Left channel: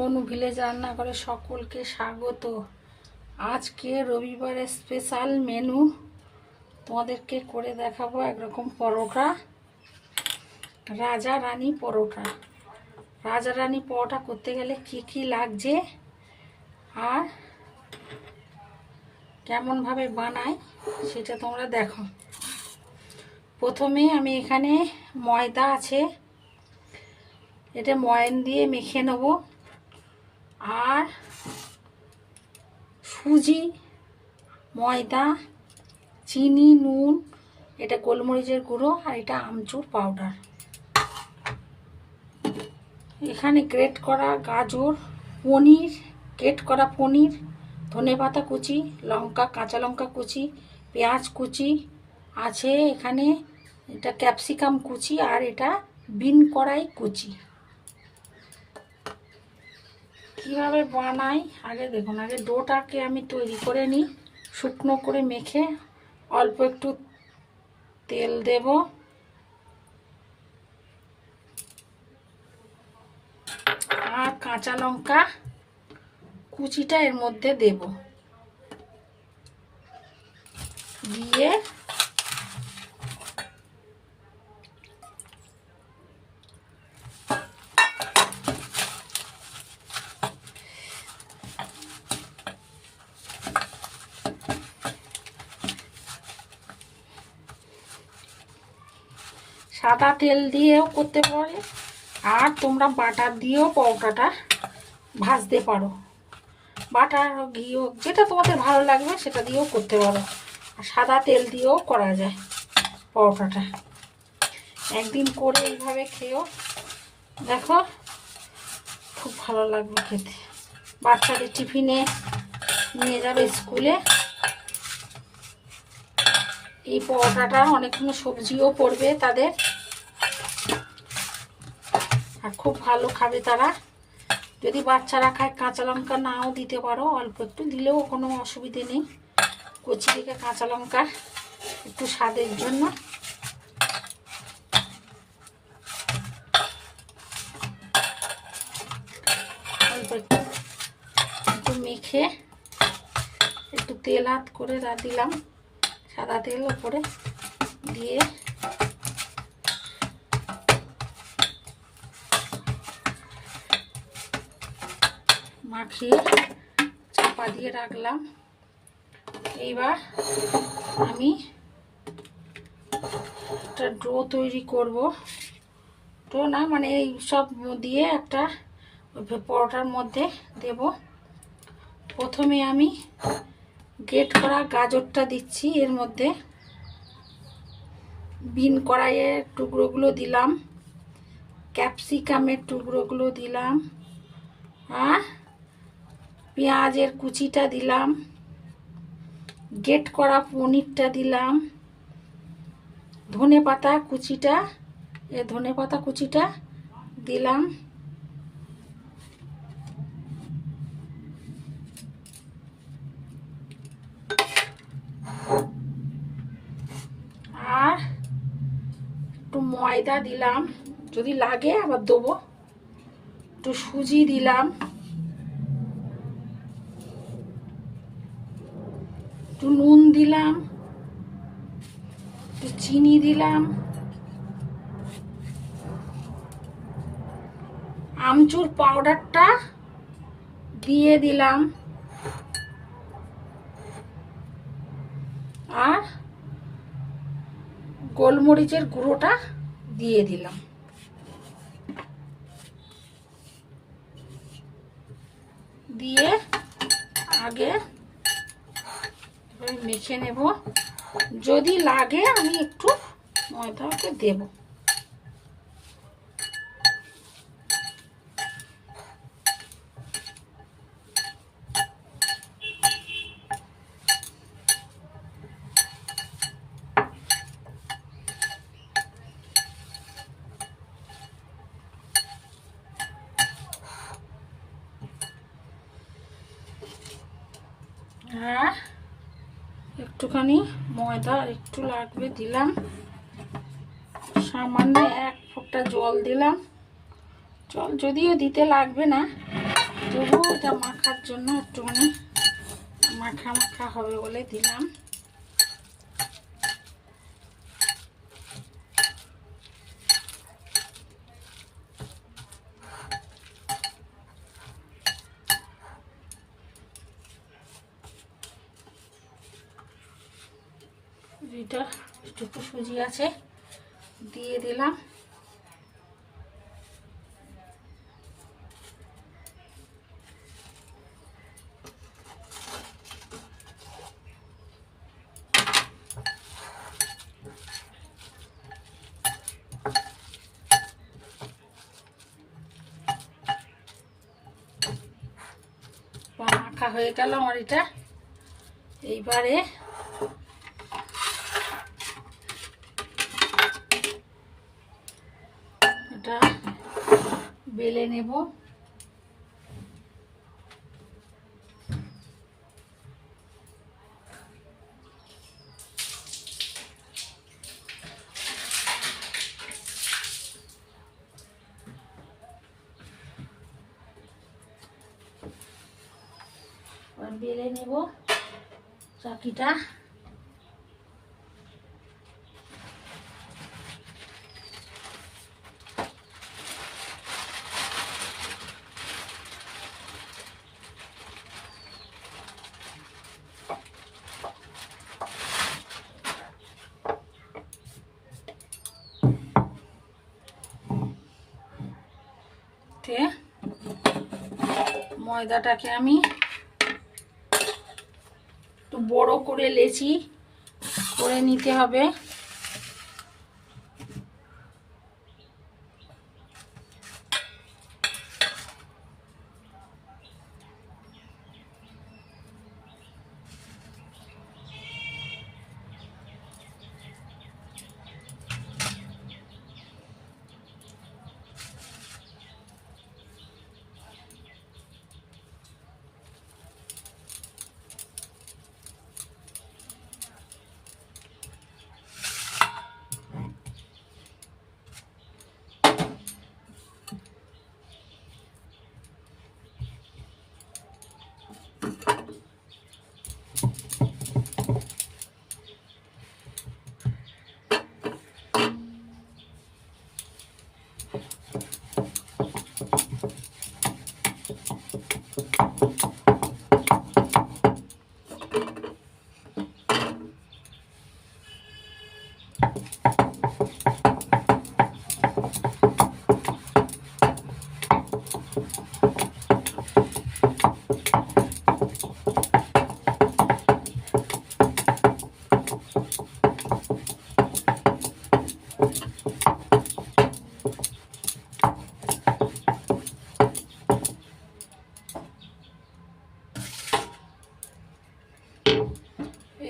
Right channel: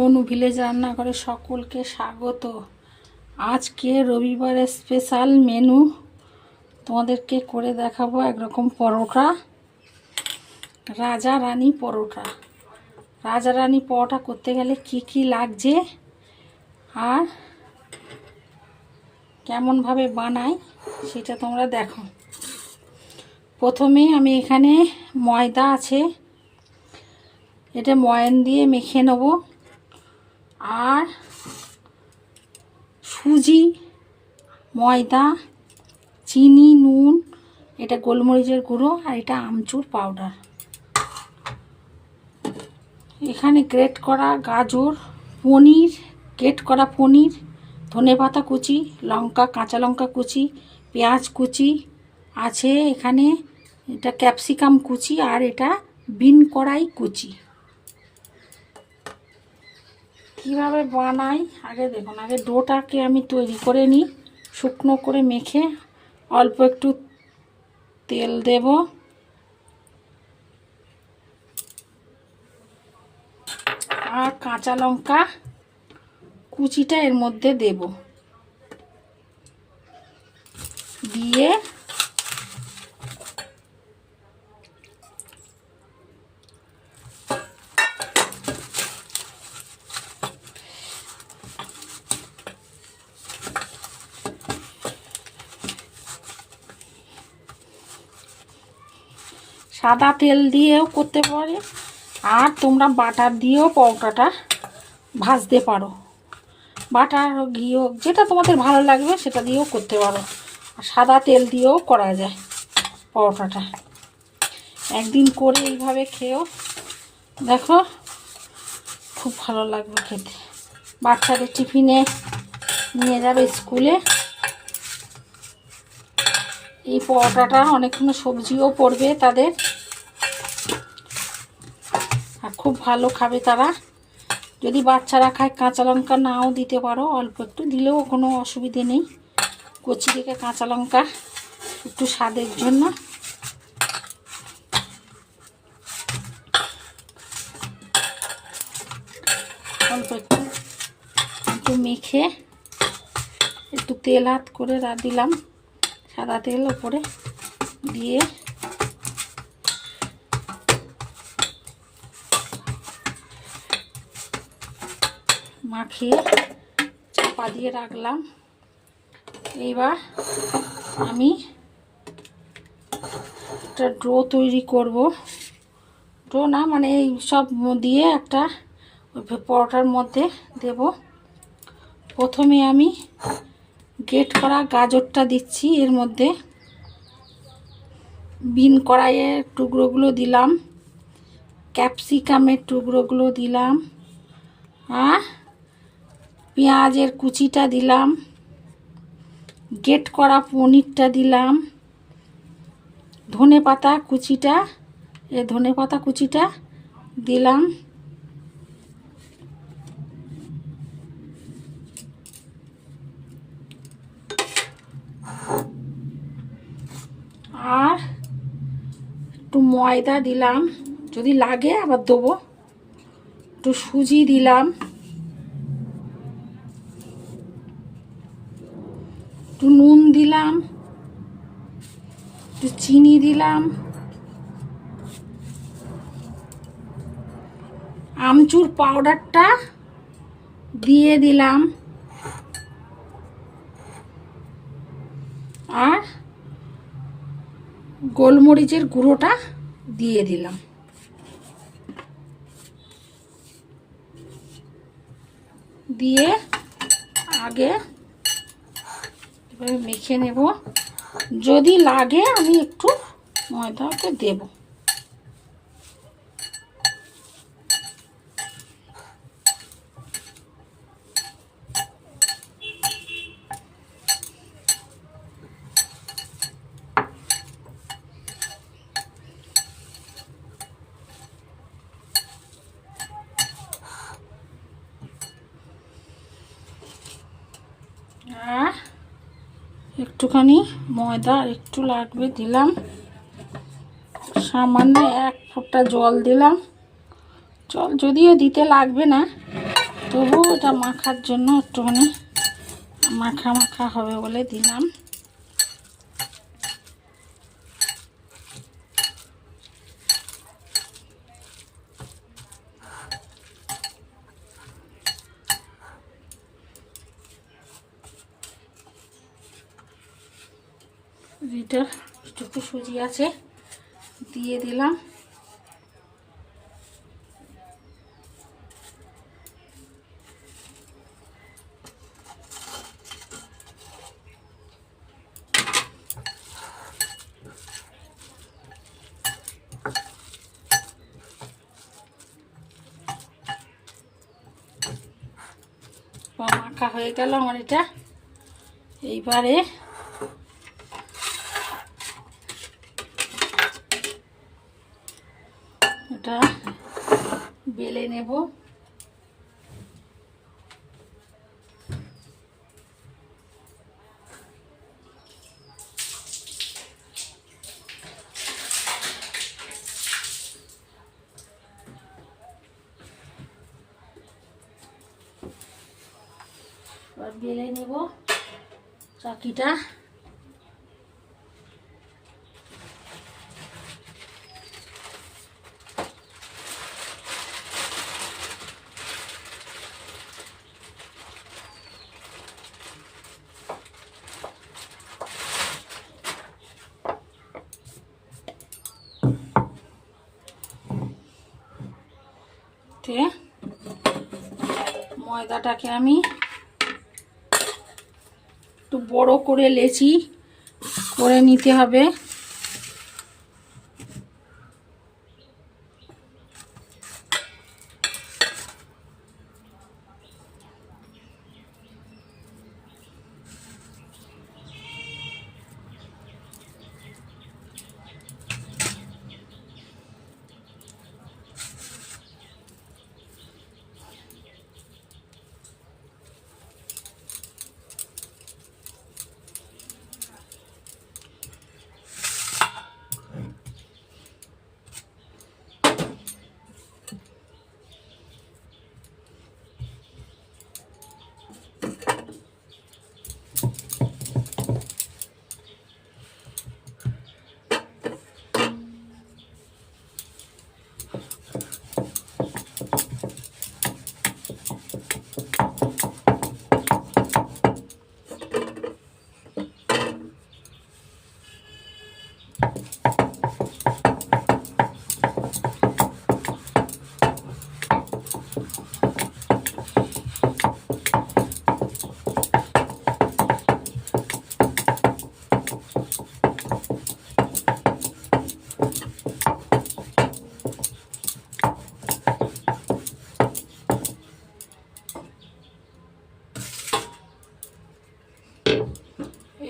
অনু village রান্না করে সকলকে স্বাগত। আজকে রবিবারের স্পেশাল মেনু তোমাদেরকে করে দেখাবো একরকম পরোটা, রাজা রানী পরোটা। রাজা রানী পরোটা করতে গেলে কি কি লাগছে আর কেমনভাবে বানাই সেটা তোমরা দেখো। প্রথমে আমি এখানে ময়দা আছে, এটা ময়ান দিয়ে মেখে নেব। আর সুজি, ময়দা, চিনি, নুন, এটা গোলমরিচের গুঁড়ো আর এটা আমচুর পাউডার। এখানে গ্রেট করা গাজর, পনির, গ্রেট করা পনির ধনেপাতা কুচি, লঙ্কা, কাঁচা লঙ্কা কুচি, পেঁয়াজ কুচি, আছে এখানে এটা ক্যাপসিকাম কুচি আর এটা বিন কড়াই কুচি। কীভাবে বানাই? আগে দেখুন, আগে ডোটাকে আমি তৈরি করে নিই, শুকনো করে মেখে অল্প একটু তেল দেব। আর কাঁচা লঙ্কা কুচিটা এর মধ্যে দেব। দিয়ে সাদা তেল দিয়েও করতে পারে। আর তোমরা বাটার দিয়েও পরোটাটা ভাজতে পারো। বাটার হোক, ঘি হোক, যেটা তোমাদের ভালো লাগবে সেটা দিয়েও করতে পারো। আর সাদা তেল দিয়েও করা যায় পরোটাটা। একদিন করে এইভাবে খেয়েও দেখো, খুব ভালো লাগবে খেতে। বাচ্চাদের টিফিনে নিয়ে যাবে স্কুলে। এই পরোটাটা অনেকক্ষণ সবজিও পড়বে তাদের। আর খুব ভালো খাবে তারা। যদি বাচ্চারা খায় কাঁচা লঙ্কা নাও দিতে পারো, অল্প একটু দিলেও কোনো অসুবিধে নেই। কচি থেকে কাঁচা লঙ্কা একটু স্বাদের জন্য। অল্প একটু একটু মেখে একটু তেল হাত করে দিলাম। সাদা তেল ওপরে দিয়ে মাখিয়ে চাপা দিয়ে রাখলাম। এইবার আমি একটা ডো তৈরি করব। ডো না মানে এই সব দিয়ে একটা পরোটার মধ্যে দেব। প্রথমে আমি গেট করা গাজরটা দিচ্ছি, এর মধ্যে বিন কড়াইয়ের টুকরোগুলো দিলাম, ক্যাপসিকামের টুকরোগুলো দিলাম, আর পেঁয়াজের কুচিটা দিলাম গেট করা পনিরটা দিলাম ধনে পাতা কুচিটা, এ ধনে পাতা কুচিটা দিলাম। আর একটু ময়দা দিলাম, যদি লাগে আবার দেবো। একটু সুজি দিলাম। একটু নুন দিলাম, একটু চিনি দিলাম। আমচুর পাউডারটা দিয়ে দিলাম। আর গোলমরিচের গুঁড়োটা দিয়ে দিলাম। দিয়ে আগে মেখে নেব। যদি লাগে আমি একটু ময়দাকে দেব আর একটুখানি ময়দা আর একটু লাগবে দিলাম। সামান্য এক ফোঁটা জল দিলাম। জল যদিও দিতে লাগবে না, তবুও এটা মাখার জন্য একটুখানি মাখা মাখা হবে বলে দিলাম। এটা একটু সুজি আছে দিয়ে দিলাম। হয়ে গেল আমার এটা। এইবারে এটা বেলে নেব। বেলে নেব চাকিটা তে ময়দাটাকে আমি একটু বড় করে লেচি করে নিতে হবে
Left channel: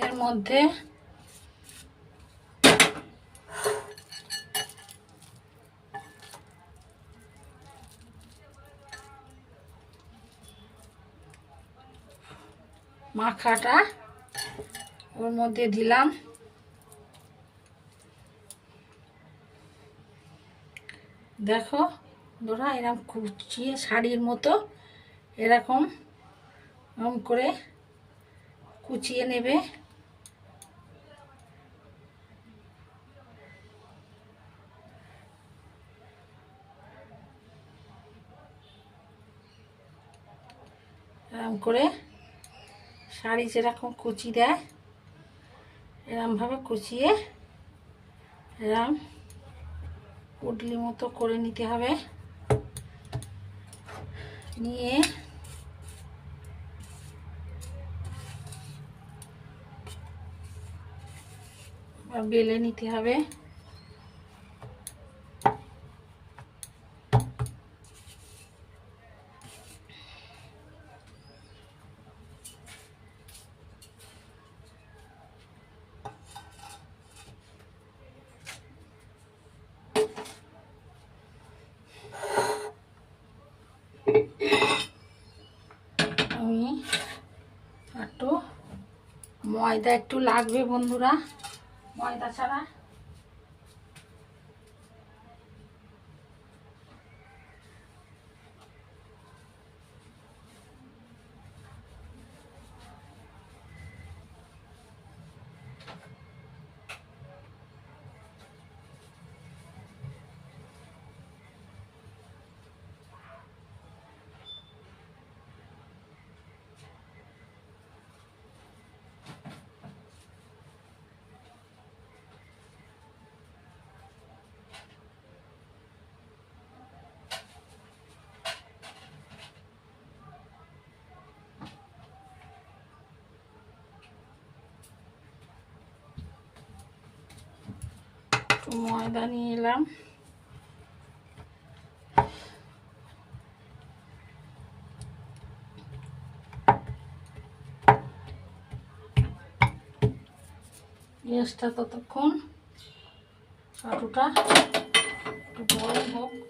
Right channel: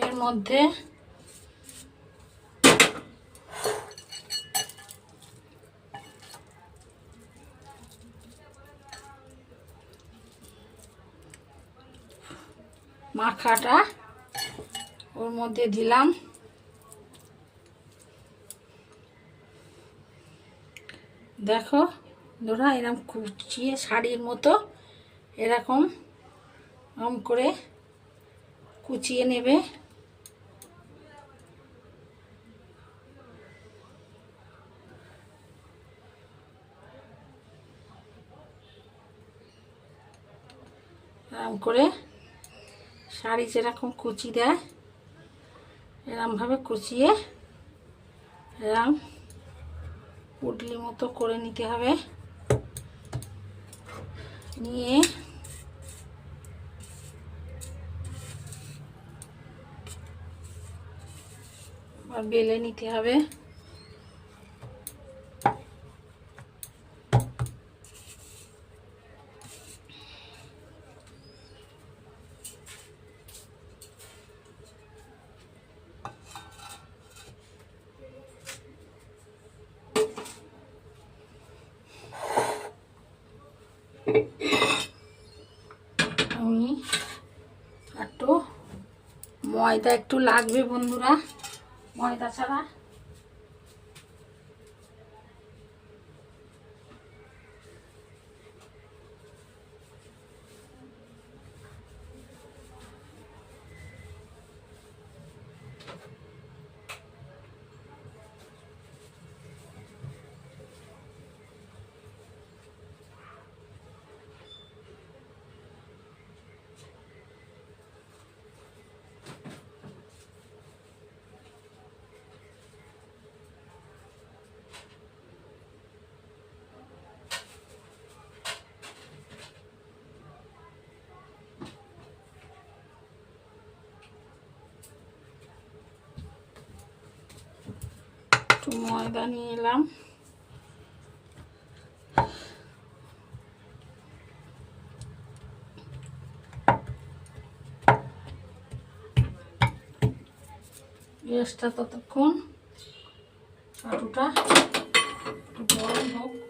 এর মধ্যে মাখাটা ওর মধ্যে দিলাম। দেখো ধরা এরকম কুচিয়ে শাড়ির মতো এরকম করে কুচিয়ে নেবে এরকম করে শাড়ি যেরকম কুচি দেয়, এরমভাবে কুচিয়ে এরম পুটলি মতো করে নিতে হবে। নিয়ে বেলে নিতে হবে আমি একটু ময়দা একটু লাগবে বন্ধুরা ময়দা ছাড়া। ময়দা নিয়ে এলাম। গ্যাসটা ততক্ষণ আটুটা গরম হোক।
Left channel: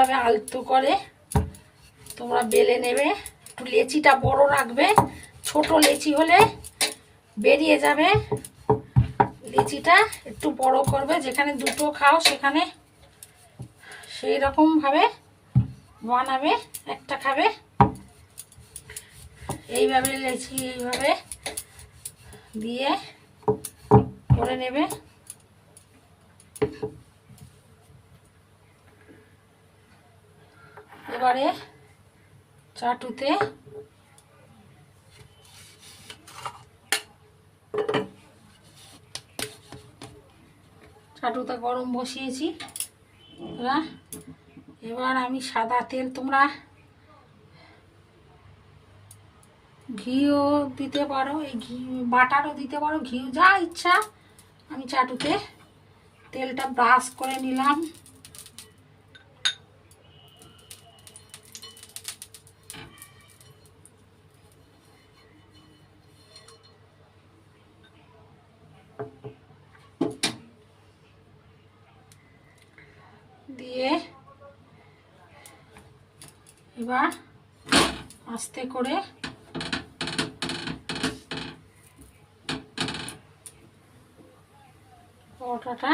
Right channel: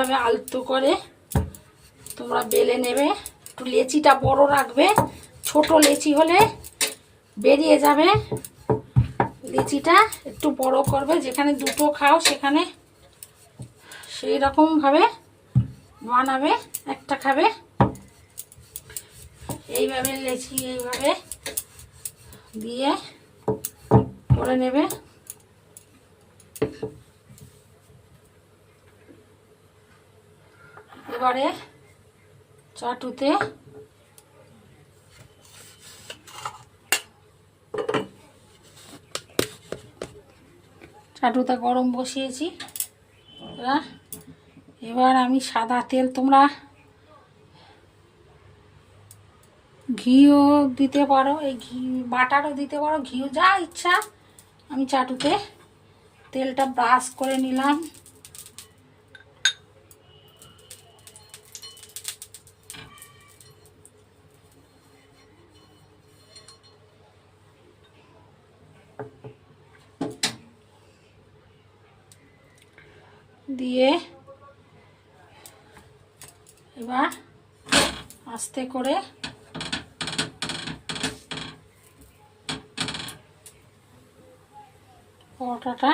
এইভাবে আলতো করে তোমরা বেলে নেবে। একটু লেচিটা বড় রাখবে। ছোট লেচি হলে বেরিয়ে যাবে। লেচিটা একটু বড় করবে। যেখানে দুটো খাও সেখানে সেই রকমভাবে বানাবে, একটা খাবে। এইভাবে লেচি এইভাবে দিয়ে করে নেবে। এবারে চাটুতে চাটুতে গরম বসিয়েছি। এবার আমি সাদা তেল তোমরা ঘিও দিতে পারো, এই ঘি, বাটারও দিতে পারো, ঘিও যা ইচ্ছা। আমি চাটুতে তেলটা ব্রাশ করে নিলাম। দিয়ে এবার আস্তে করে পরোটাটা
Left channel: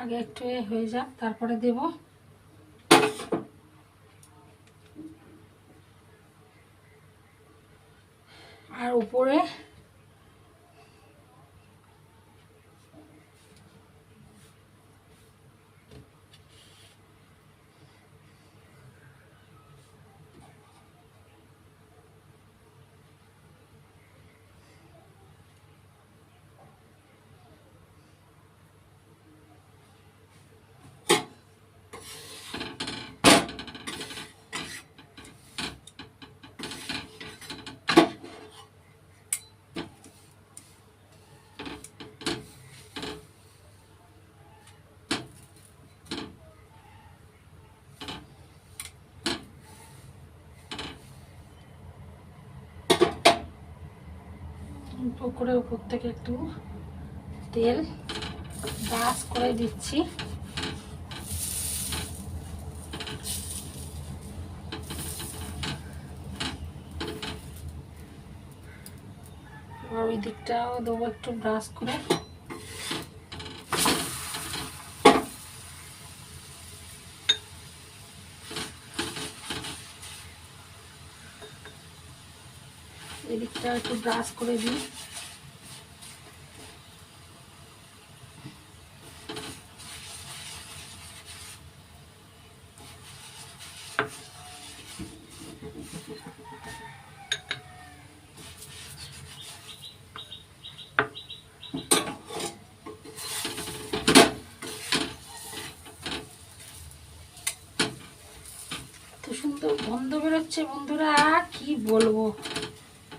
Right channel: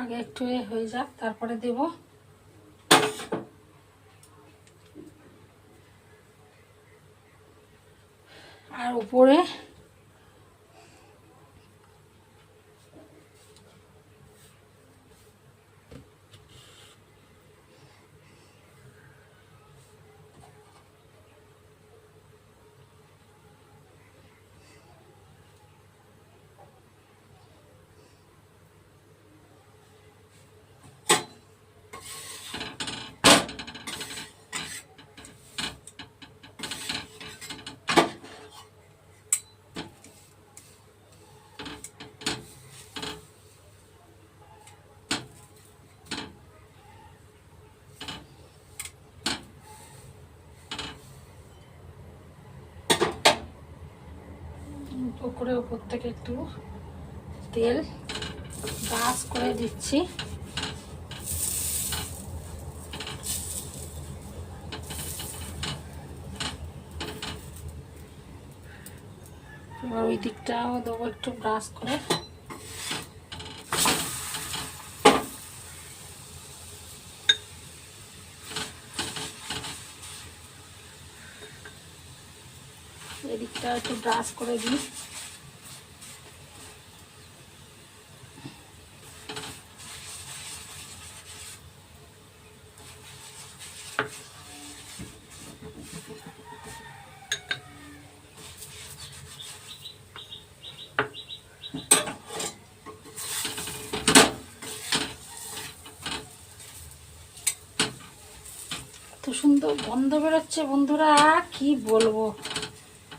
আগে একটু এ হয়ে যাক তারপরে দেব। আর উপরে উপরে উপর থেকে একটু তেল ব্রাশ করে দিচ্ছি। ওই দিকটাও দেবো একটু ব্রাশ করে। এদিকটা একটু ব্রাশ করে দিই। সুন্দর গন্ধ বেরোচ্ছে বন্ধুরা কি বলব?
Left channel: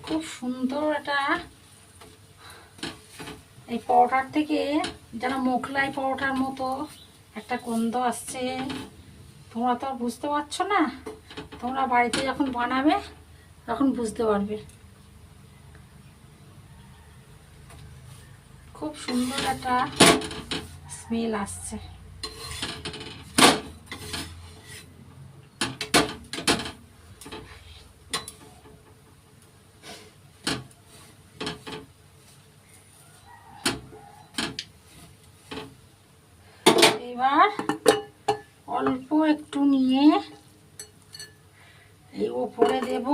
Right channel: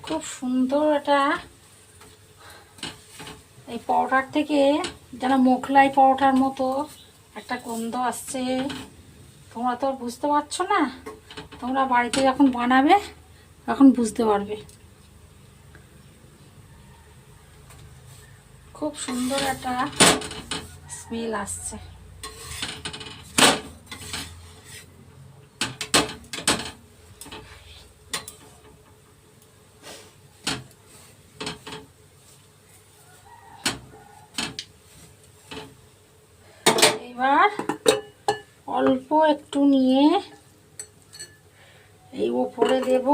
খুব সুন্দর এটা এই পরোটার থেকে যেন মোগলাই পরোটার মতো একটা গন্ধ আসছে। তোমরা তো বুঝতে পারছ না। তোমরা বাড়িতে যখন বানাবে, তখন বুঝতে পারবে। খুব সুন্দর একটা স্মেল আসছে। এবার অল্প একটু নিয়ে এই উপরে দেব।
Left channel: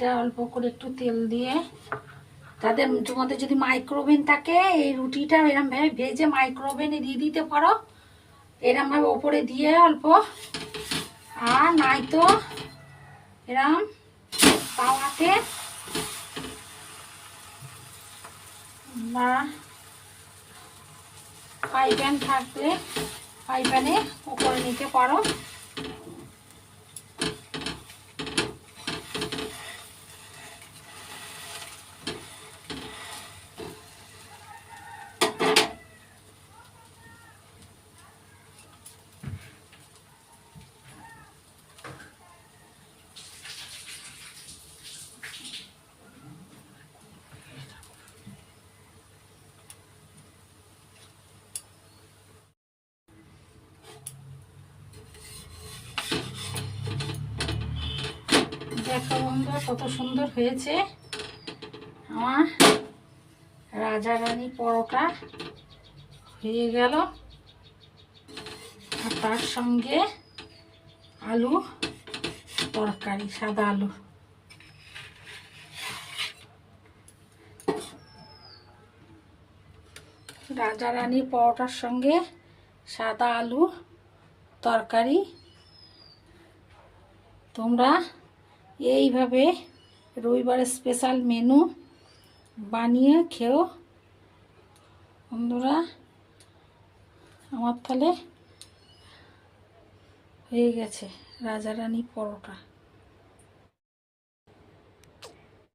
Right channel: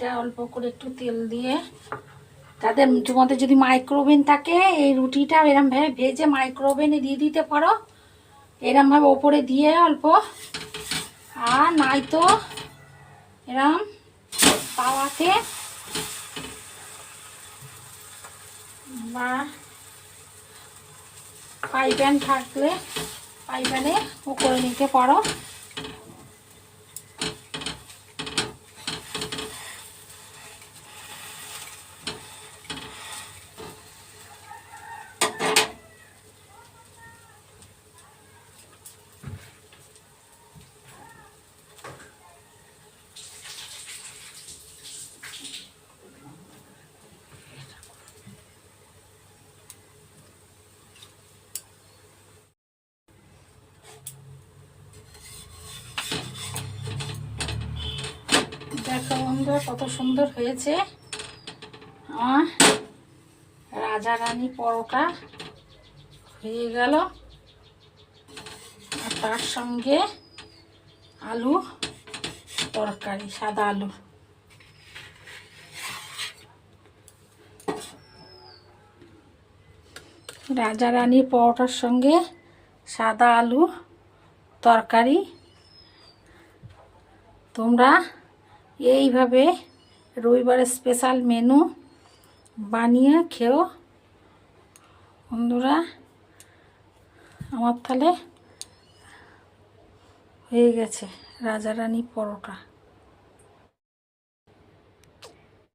এটা অল্প করে একটু তেল দিয়ে, তাদের তোমাদের যদি মাইক্রোওভেন থাকে, এই রুটিটা এরমভাবে ভেজে মাইক্রোওভেনে দিয়ে দিতে পারো। এরমভাবে ওপরে দিয়ে অল্প। আর নাই তো এরম তাওয়াতে বা ফ্রাই প্যান থাকলে ফ্রাই প্যানে ও করে নিতে পারো দেখো বন্ধুরা, কত সুন্দর হয়েছে। আমার রাজা রানী পরোটা হয়ে গেল। আর তার সঙ্গে আলু তরকারি, সাদা আলু। রাজা রানী পরোটার সঙ্গে সাদা আলু তরকারি। তোমরা এইভাবে রবিবারের স্পেশাল মেনু বানিয়ে খেও। বন্ধুরা আমার তাহলে হয়ে গেছে রাজা রানী পরোটা।